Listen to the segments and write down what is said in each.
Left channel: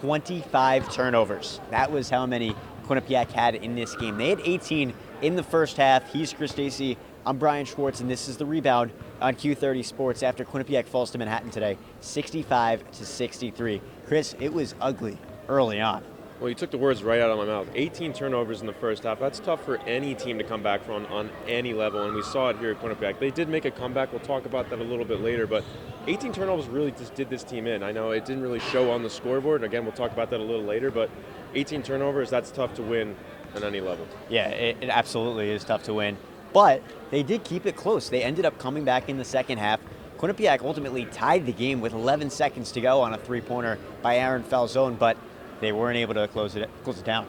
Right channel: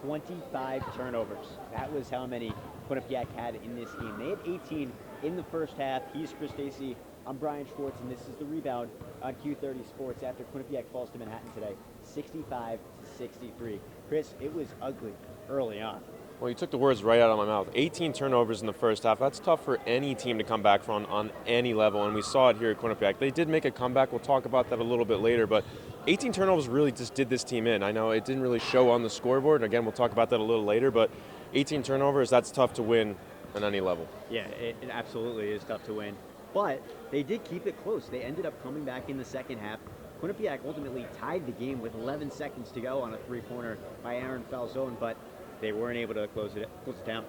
25 turnovers. That was how many Quinnipiac had in this game. They had 18 in the first half. He's Chris Dacey. I'm Bryan Schwartz, and this is the Rebound on Q30 Sports after Quinnipiac falls to Manhattan today, 65-63. Chris, it was ugly early on. Well, you took the words right out of my mouth. 18 turnovers in the first half. That's tough for any team to come back from on any level, and we saw it here at Quinnipiac. They did make a comeback. We'll talk about that a little bit later, but 18 turnovers really just did this team in. I know it didn't really show on the scoreboard, and again, we'll talk about that a little later, but 18 turnovers, that's tough to win at any level. Yeah, it absolutely is tough to win, but they did keep it close. They ended up coming back in the second half. Quinnipiac ultimately tied the game with 11 seconds to go on a three-pointer by Aaron Falzone, but they weren't able to close it down.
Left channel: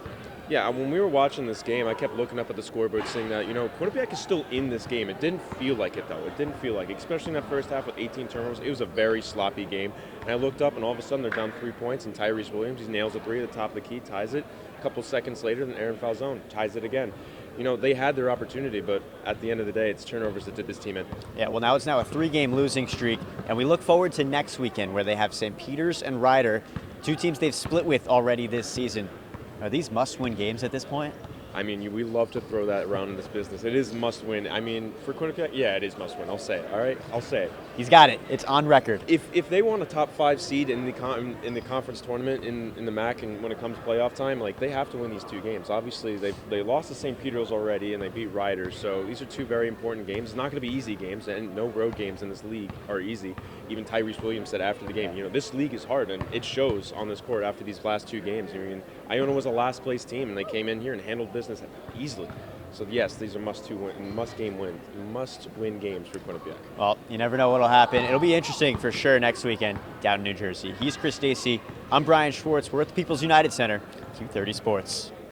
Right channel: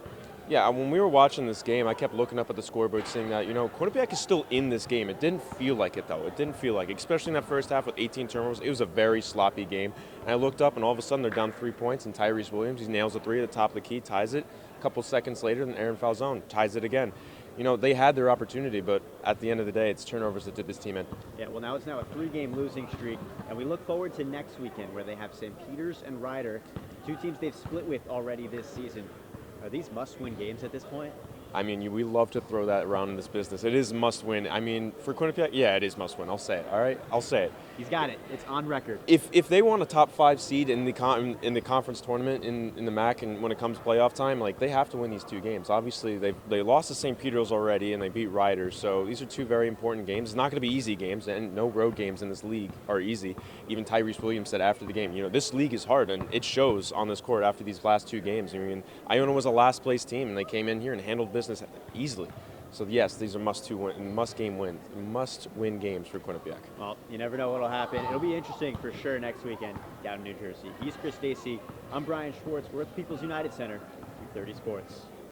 Yeah, when we were watching this game, I kept looking up at the scoreboard saying that, Quinnipiac is still in this game. It didn't feel like it, though. It didn't feel like it, especially in that first half with 18 turnovers. It was a very sloppy game. And I looked up, and all of a sudden they're down 3 points, and Tyrese Williams, he nails a three at the top of the key, ties it. A couple seconds later, then Aaron Falzone ties it again. They had their opportunity, but at the end of the day, it's turnovers that did this team in. Yeah, well, now it's a 3-game losing streak, and we look forward to next weekend where they have St. Peter's and Ryder, two teams they've split with already this season. Are these must-win games at this point? I mean, we love to throw that around in this business. It is must-win. I mean, for Quinnipiac, yeah, it is must-win. I'll say it, all right? I'll say it. He's got it. It's on record. If they want a top 5 seed in the conference tournament in the MAC, and when it comes to playoff time, they have to win these 2 games. Obviously, they lost to St. Peter's already, and they beat Ryder. So these are 2 very important games. It's not going to be easy games, and no road games in this league are easy. Even Tyrese Williams said after the game, this league is hard, and it shows on this court after these last 2 games. I mean, Iona was a last-place team, and they came in here and handled business easily. So yes, these are must-win games for Quinnipiac. Well, you never know what'll happen. It'll be interesting for sure next weekend down in New Jersey. He's Chris Dacey. I'm Bryan Schwartz. We're at the People's United Center, Q30 Sports.